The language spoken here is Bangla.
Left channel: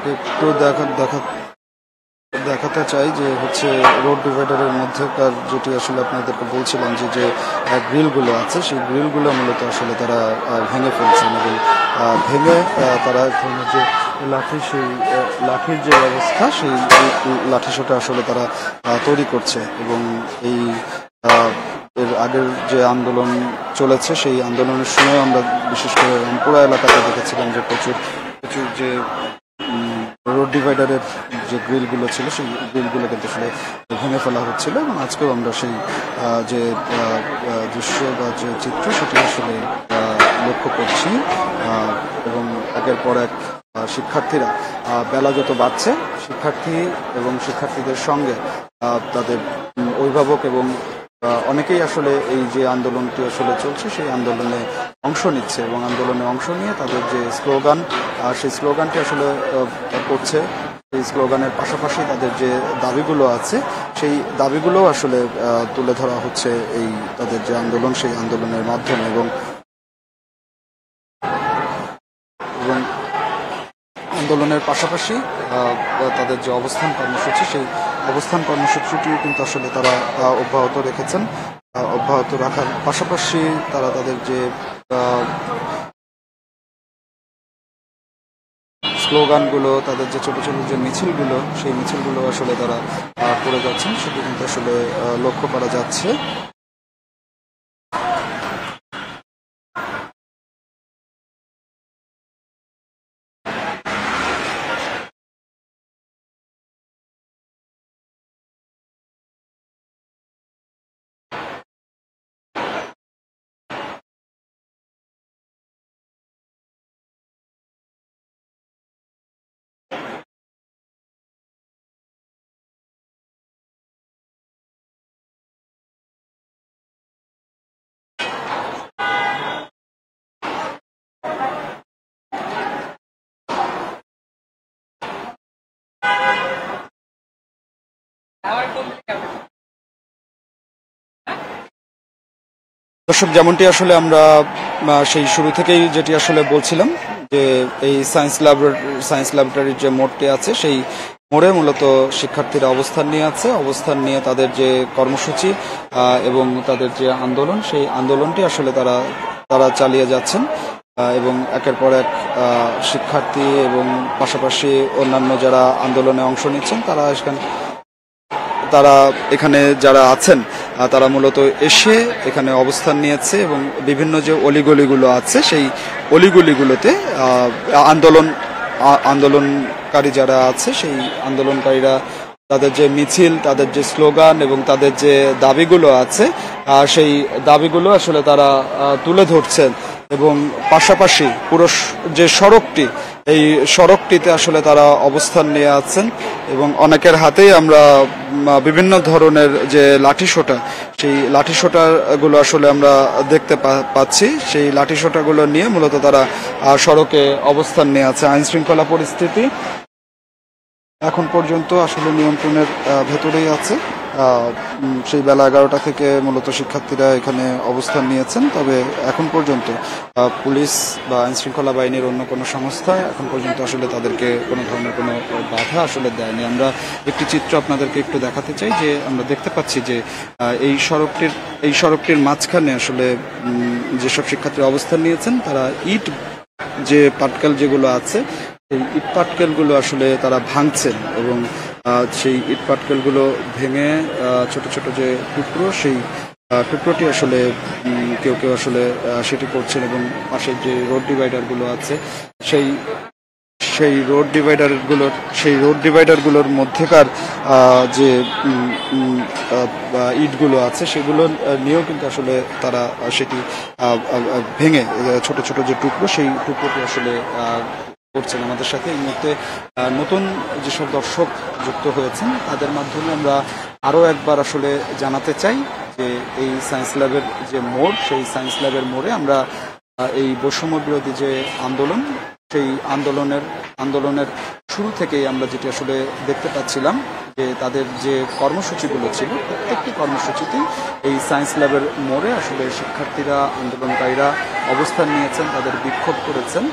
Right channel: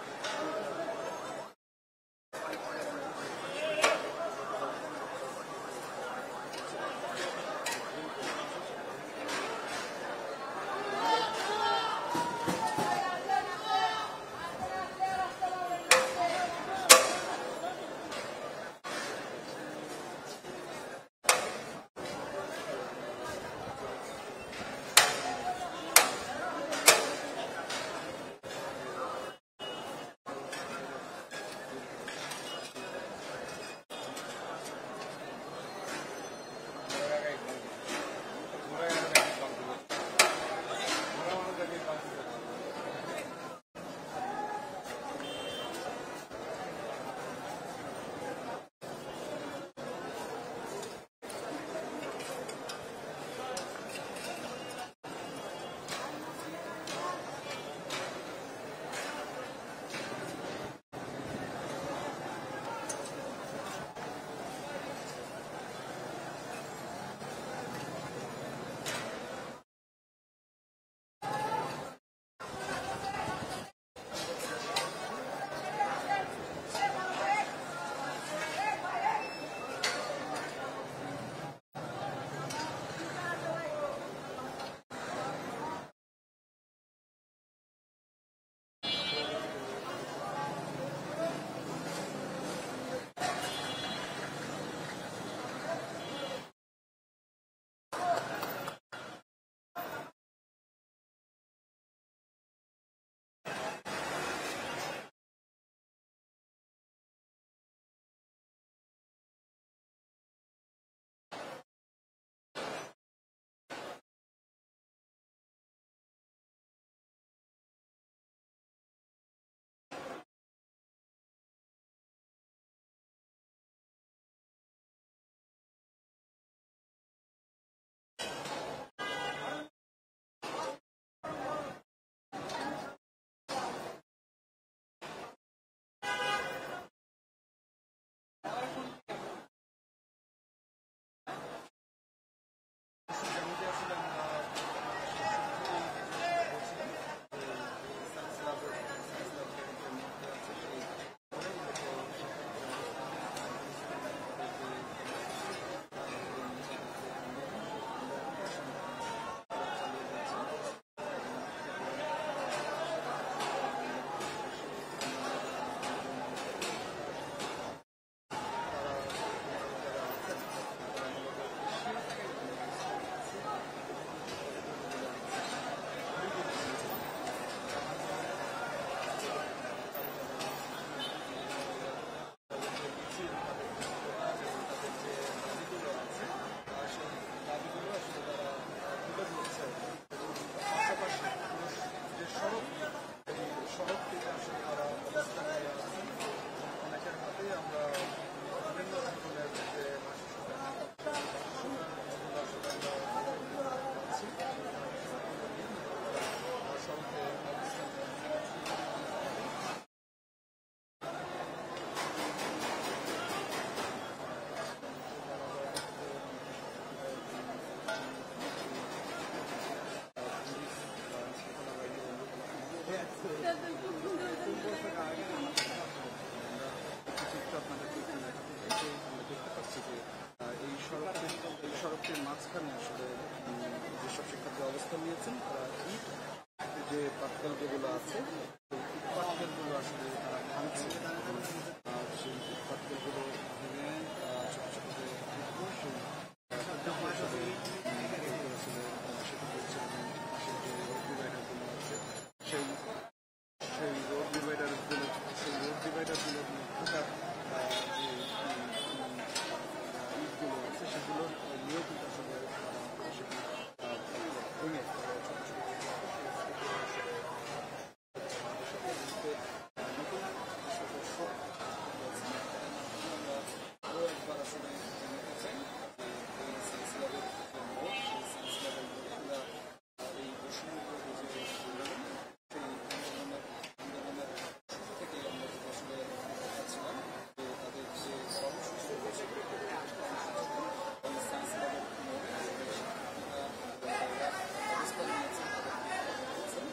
আপনাদেরকে একটু দেখাতে চাই যে হচ্ছে রোড ডিভাইডারের মধ্যেকার যেটি আসলে আপনাদেরকে বলছিলাম যে গ্রিলগুলো আছে, সেই গ্রিলগুলো মূলত আসলে তারা ভেঙে ফেলছেন এবং ভেঙে তারা এক ধরনের যে সেই লাঠির যে অবস্থা, সেই লাঠিসোঁটা আসলে তারা তৈরি করছে। এবং এই এর আগের যে আন্দোলন চলেছে, সেই আন্দোলনের সময় আমরা বিশেষ করে রামপুরা এলাকাতে দেখেছিলাম যে প্রচুর যে রোড ডিভাইডারের যে গ্রিলগুলো ছিল, সেই গ্রিলগুলো কিন্তু আসলে ভেঙে ফেলা হচ্ছিল। এবং আজকেও আমরা সেই যে দৃশ্য বা যে চিত্র, সেটি আসলে লক্ষ্য করছি। এবং একের পর এক শিক্ষার্থীরা, বেলা যত বাড়ছে, শিক্ষার্থী এবং শিক্ষার্থীদের সঙ্গে তাদের অভিভাবক এবং অনেকেই আসলে এই যে আন্দোলনটি আসলে চলছে, সেই আন্দোলনে অংশ নিচ্ছে এবং আন্দোলনে অংশ নিয়ে তাদের যে স্লোগান, সেই স্লোগানটি আসলে করছে। এই স্লোগানের পাশাপাশি তাদের যে দাবিগুলো আছে, সেই দাবিগুলো আসলে তুলে ধরা হচ্ছে এই তাদের যে আন্দোলন, সেই আন্দোলনের মাধ্যমে। এবং আন্দোলনের পাশাপাশি তাদের যে অবস্থান কর্মসূচি, সেই অবস্থান কর্মসূচিটিও কিন্তু আসলে তারা অব্যাহত রেখেছেন। অব্যাহত রাখার পাশাপাশি তারা তাদের যে স্লোগানগুলো, তাদের যে ছোট ছোট যে মিছিলগুলো, সেই মিছিলগুলো আসলে তারা করে যাচ্ছেন, সেটি কিন্তু আসলে লক্ষ্য করা যাচ্ছে। দর্শক, যেমনটি আসলে আমরা সেই শুরু থেকেই যেটি আসলে বলছিলাম যে এই সায়েন্স ল্যাবরেটরির যে মোড়টি আছে, সেই মোড়ে মূলত শিক্ষার্থীরা অবস্থান নিয়ে আছে। অবস্থান নিয়ে তাদের যে কর্মসূচি এবং তাদের যে আন্দোলন, সেই আন্দোলনটি আসলে তারা চালিয়ে যাচ্ছেন। এবং একের পর এক শিক্ষার্থী এবং পাশাপাশি অন্যান্য যারা আন্দোলনে অংশ নিচ্ছেন, তারা এখানে যারা আছেন, তারা মূলত এসে এখানে অবস্থান নিয়েছে। এবং বিভিন্ন যে অলিগলিগুলো আছে, সেই অলিগলিগুলোতে আন্দোলনকারী যারা আছে, সেই আন্দোলনকারীরা তাদের যে মিছিল, তাদের যে স্লোগান এবং তাদের যে দাবিগুলো আছে, সেই দাবিগুলো আসলে তারা তুলে ধরছেন। এবং পাশাপাশি পুরো যে সড়কটি, এই সড়কটিতে আসলে তারা অবস্থান নিয়ে আছেন। এবং অনেকের হাতেই আমরা বিভিন্ন ধরনের যে লাঠিসোঁটা, সেই লাঠিসোঁটাগুলো আসলে আমরা দেখতে পাচ্ছি। সেই লাঠিসোঁটাগুলো নিয়ে মূলত তারা সড়কে অবস্থান নিয়ে আছে। আইন শৃঙ্খলা পরিস্থিতি এখন পর্যন্ত আসলে নিয়ন্ত্রণের ভেতরেই আছে। সেই বেলা 11টা থেকে মূলত শিক্ষার্থীরা এখানে অবস্থান নিয়েছেন। তবে এখন পর্যন্ত পুলিশ বা আইন শৃঙ্খলা বাহিনীর অন্য কোনো সংস্থা এখন পর্যন্ত আসলে তাদেরকে কোনো ধরনের কোনো বাধা আসলে দেয়নি। আমরা একটি চিত্র আপনাদেরকে একটু দেখাতে চাই যে আমরা দেখতে পাচ্ছি যে এই সড়কটির মাঝখানে আসলে যেসব শিক্ষার্থীরা অবস্থান নিয়েছেন, তারা ইট যে পাটকেল যেগুলো আছে, এই ইট পাটকেলগুলো আসলে তারা ভাঙছেন। এবং সেই ইট পাটকেলগুলো ভেঙে ছোট ছোট যে টুকরো, সেই টুকরোটি আসলে কেউ আসলে সেটি করছেন। এবং পাশের যে রোড ডিভাইডারগুলো আছে, সেই রোড ডিভাইডারগুলোর মধ্যেকার যে ইটগুলো আছে, সেগুলো নিয়েও কিন্তু আসলে তারা সেটি ভেঙে ছোট ছোট যে টুকরো, সেই টুকরোটি আসলে করছেন। আমাদের সাথে এই মুহূর্তে নতুন যেসব দর্শক যুক্ত হয়েছেন, তাদের মাধ্যমে আমরা আরও একবার আসলে জানাতে চাই যে এই সায়েন্স ল্যাবের যে মোড়, সেই সায়েন্স ল্যাবের মোড়ে আমরা এই বৈষম্য বিরোধী যে আন্দোলন, সেই আন্দোলনের শুরু থেকেই আমরা যেটি আসলে দেখতে পাচ্ছিলাম যে তাদের যে কর্মসূচিগুলো ছিল, প্রত্যেকটি কর্মসূচিতেই এই সায়েন্স ল্যাবের মোড়ে আসলে শিক্ষার্থীরা, আন্দোলনকারীরা অবস্থান নিয়েছেন, তাদের বিক্ষোভ করেছেন।